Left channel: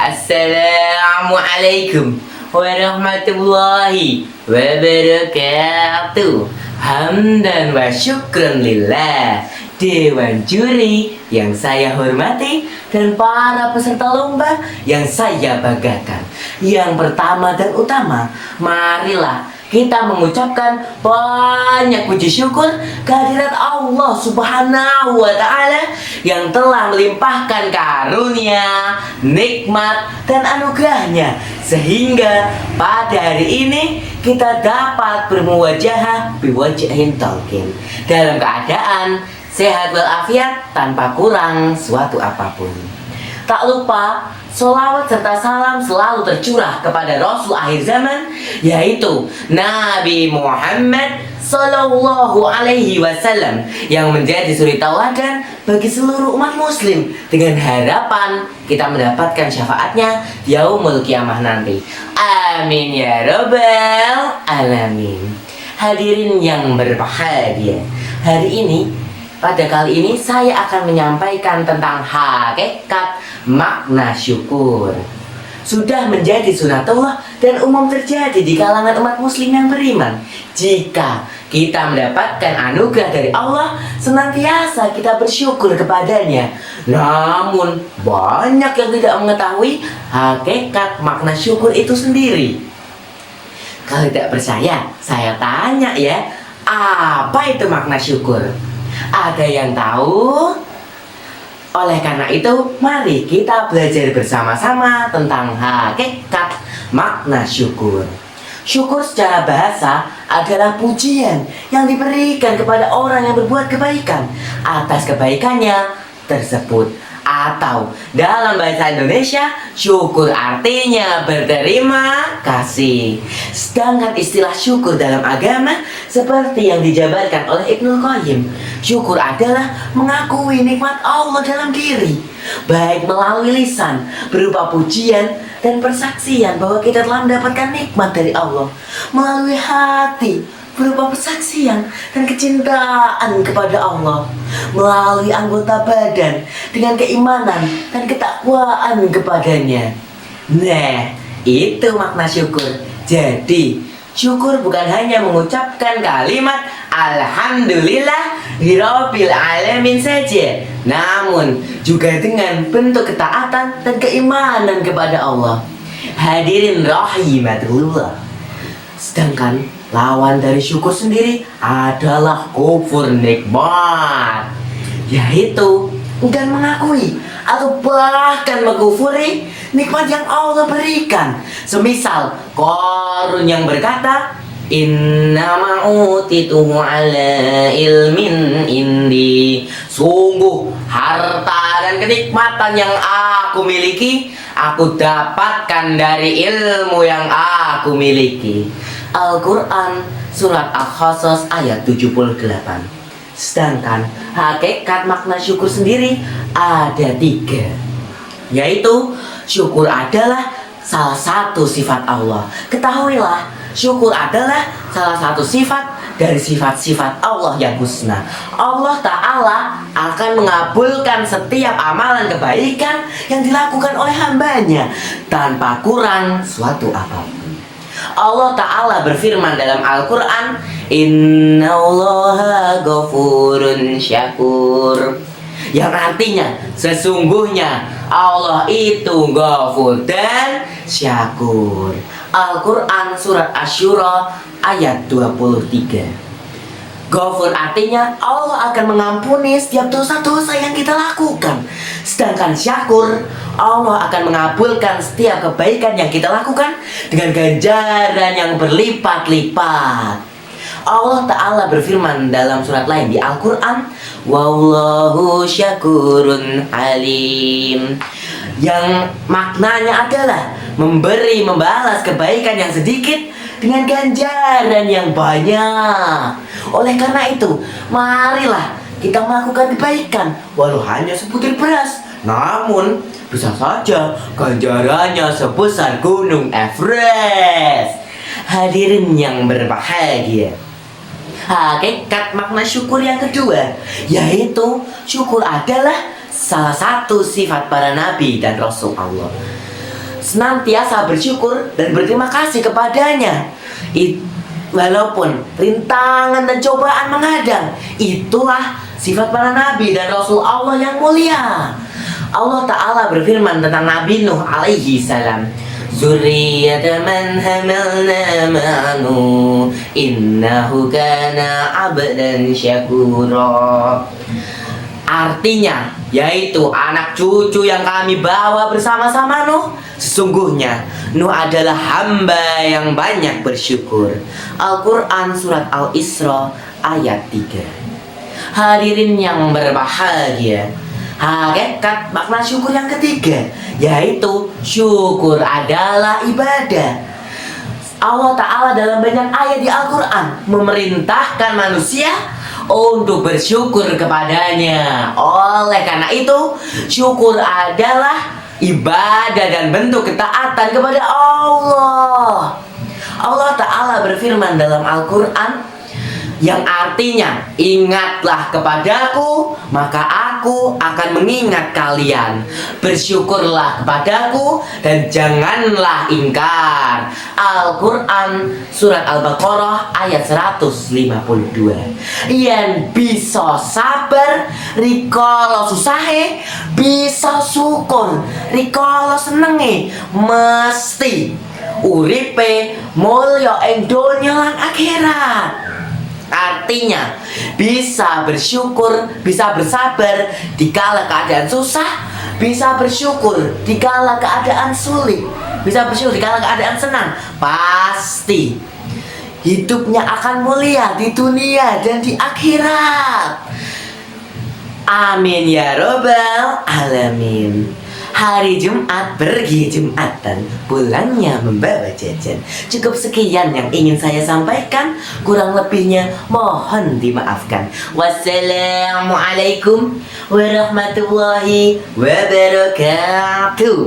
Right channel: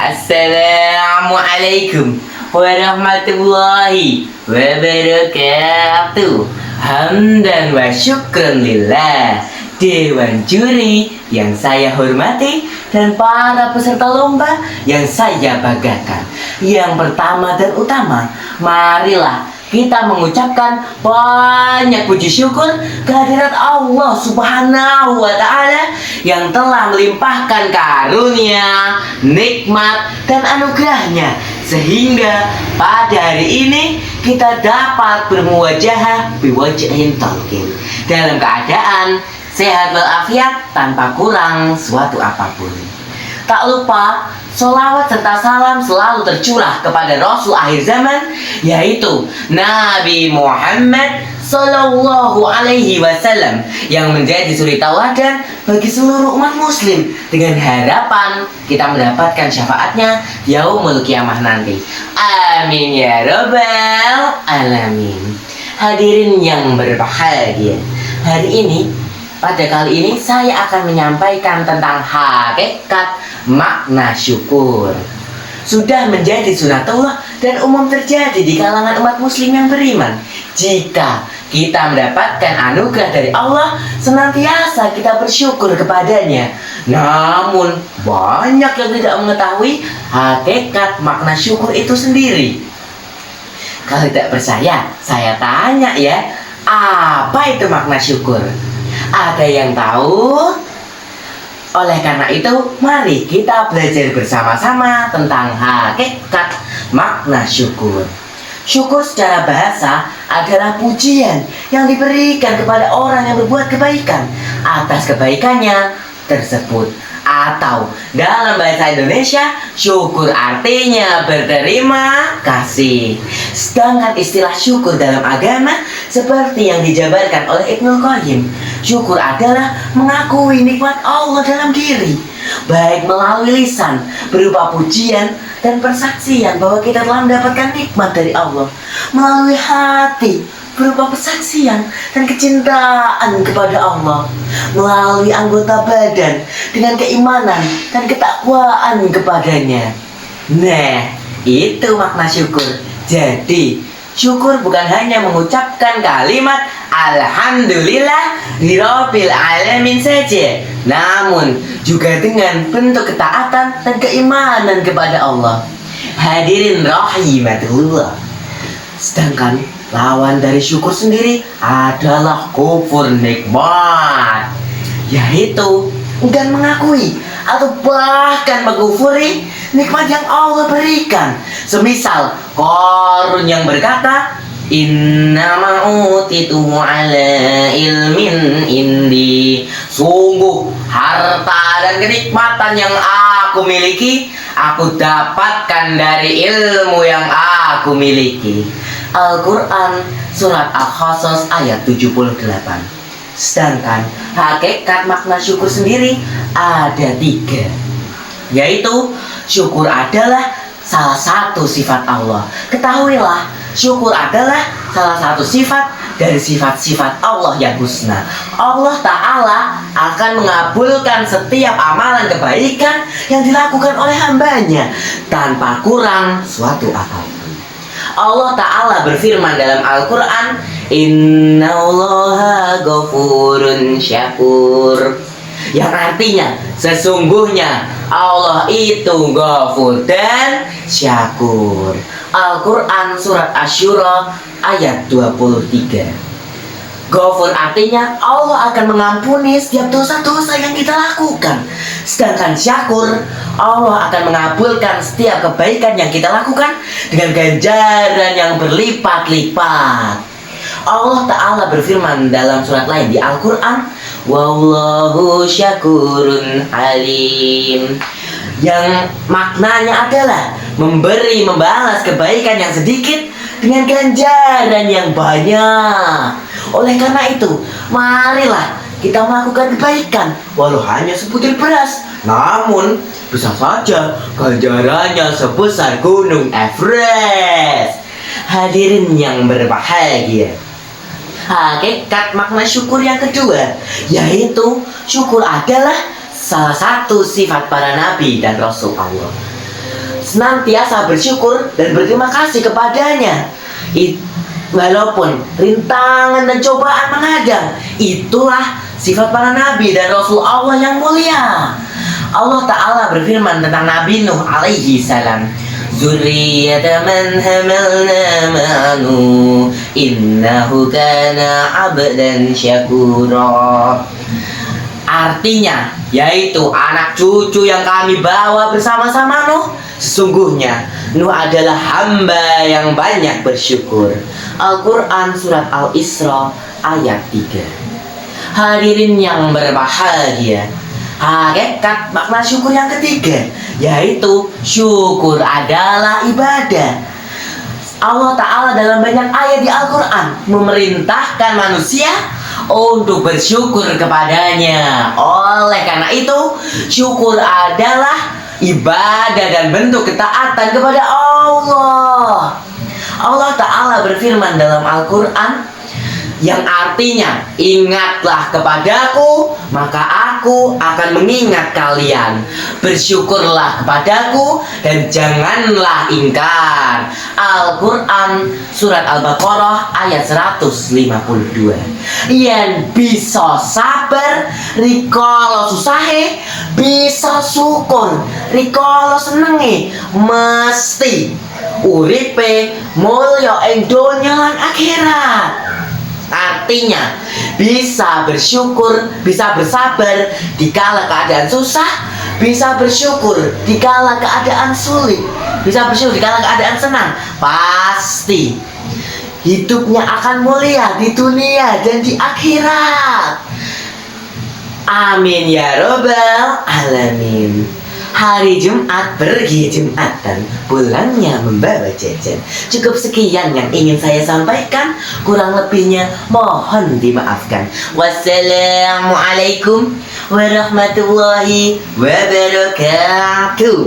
Assalamualaikum warahmatullahi wabarakatuh. Hamdan wa syukran lillah. Dewan juri yang saya hormati dan para peserta lomba yang saya banggakan. Yang pertama dan utama, marilah kita mengucapkan banyak puji syukur kehadirat Allah Subhanahu wa Ta'ala yang telah melimpahkan karunia, nikmat, dan anugerahnya sehingga pada hari ini kita dapat bermuwajahah biwajhin talqin dalam keadaan sehat walafiat tanpa kurang suatu apapun. Tak lupa sholawat serta salam selalu tercurah kepada Rasul akhir zaman, yaitu Nabi Muhammad Sallallahu Alaihi Wasallam, yang menjadi suri tauladan bagi seluruh umat muslim, dengan harapan kita mendapatkan syafaatnya yaumul kiamah nanti. Amin ya rabbal alamin. Hadirin yang berbahagia, hari ini, pada kali ini saya akan menyampaikan tentang hakikat makna syukur. Sudah menjadi sunatullah dan umum terjadi di kalangan umat muslim yang beriman. Jika kita mendapatkan anugerah dari Allah, senantiasa kita bersyukur kepadanya. Namun banyak yang tidak mengetahui hakikat makna syukur itu sendiri. Kalau tidak percaya, saya tanya ya, apa itu makna syukur? Ada yang tahu? Oleh karena itu, mari kita belajar bersama-sama tentang hakikat makna syukur. Syukur secara bahasa adalah pujian yang diberikan kepada orang yang berbuat kebaikan atas kebaikannya tersebut. Atau dalam bahasa Indonesia, syukur artinya berterima kasih. Sedangkan istilah syukur dalam agama seperti yang dijabarkan oleh Ibnul Qayyim, syukur adalah mengakui nikmat Allah dalam diri, baik melalui lisan berupa pujian dan persaksian bahwa kita telah mendapatkan nikmat dari Allah, melalui hati berupa persaksian dan kecintaan kepada Allah, melalui anggota badan dengan keimanan dan ketakwaan kepadanya. Nah, itu makna syukur. Jadi, syukur bukan hanya mengucapkan kalimat Alhamdulillah Rabbil Alamin saja, namun juga dengan bentuk ketaatan dan keimanan kepada Allah. Hadirin rahimatullah. Sedangkan lawan dari syukur sendiri adalah kufur nikmat, yaitu enggan mengakui atau bahkan mengkufuri nikmat yang Allah berikan. Semisal Qarun yang berkata, Inna ma'utituhu ala ilmin indi. Sungguh harta dan kenikmatan yang aku miliki, aku dapatkan dari ilmu yang aku miliki. Al-Quran Surat Al-Qasas ayat 78. Sedangkan hakikat makna syukur sendiri ada 3, yaitu syukur adalah salah satu sifat Allah. Ketahuilah, syukur adalah salah satu sifat dari sifat-sifat Allah yang husna. Allah Ta'ala akan mengabulkan setiap amalan kebaikan yang dilakukan oleh hambanya tanpa kurang suatu apapun. Allah Ta'ala berfirman dalam Al-Quran, Innallaha ghafurun syakur, yang artinya sesungguhnya Allah itu ghafur dan syakur. Al-Quran Surat Asy-Syura ayat 23. Ghafur artinya Allah akan mengampuni setiap dosa-dosa yang kita lakukan. Sedangkan syakur, Allah akan mengabulkan setiap kebaikan yang kita lakukan dengan ganjaran yang berlipat-lipat. Allah Ta'ala berfirman dalam surat lain di Al-Quran, Wallahu syakurun alim, yang maknanya adalah memberi, membalas kebaikan yang sedikit dengan ganjaran yang banyak. Oleh karena itu, marilah kita melakukan kebaikan walau hanya sebutir beras, namun bisa saja ganjarannya sebesar gunung Everest. Hadirin yang berbahagia, hakikat makna syukur yang kedua, yaitu syukur adalah salah satu sifat para nabi dan rasul Allah. senantiasa bersyukur dan berterima kasih kepadanya. Walaupun rintangan dan cobaan menghadang, itulah sifat para nabi dan rasul Allah yang mulia. Allah Ta'ala berfirman tentang Nabi Nuh alaihi salam, Zurriyata man hamalna ma'anu innahu kana abdan syakura. Artinya, yaitu anak cucu yang kami bawa bersama-sama Nuh. Sesungguhnya Nuh adalah hamba yang banyak bersyukur. Al-Quran Surat Al-Isra ayat 3. Hadirin yang berbahagia, hakikat makna syukur yang ketiga, yaitu syukur adalah ibadah. Allah Ta'ala dalam banyak ayat di Al-Quran memerintahkan manusia untuk bersyukur kepadanya. Oleh karena itu, syukur adalah ibadah dan bentuk ketaatan kepada Allah. Allah Ta'ala berfirman dalam Al-Quran, yang artinya, ingatlah kepadaku, maka aku akan mengingat kalian. Bersyukurlah kepadaku dan janganlah ingkar. Al-Quran Surat Al-Baqarah ayat 152. Yang bisa sabar rikala susahe, bisa syukur rikala senenge, mesti uripe mulya ing donya lan akhirat. Artinya, bisa bersyukur, bisa bersabar dikala keadaan susah, bisa bersyukur dikala keadaan sulit, bisa bersyukur dikala keadaan senang. Pasti hidupnya akan mulia di dunia dan di akhirat. Amin ya robbal alamin. Hari Jumat pergi Jumatan, pulangnya membawa jajan. Cukup sekian yang ingin saya sampaikan, kurang lebihnya mohon dimaafkan. Wassalamualaikum warahmatullahi wabarakatuh.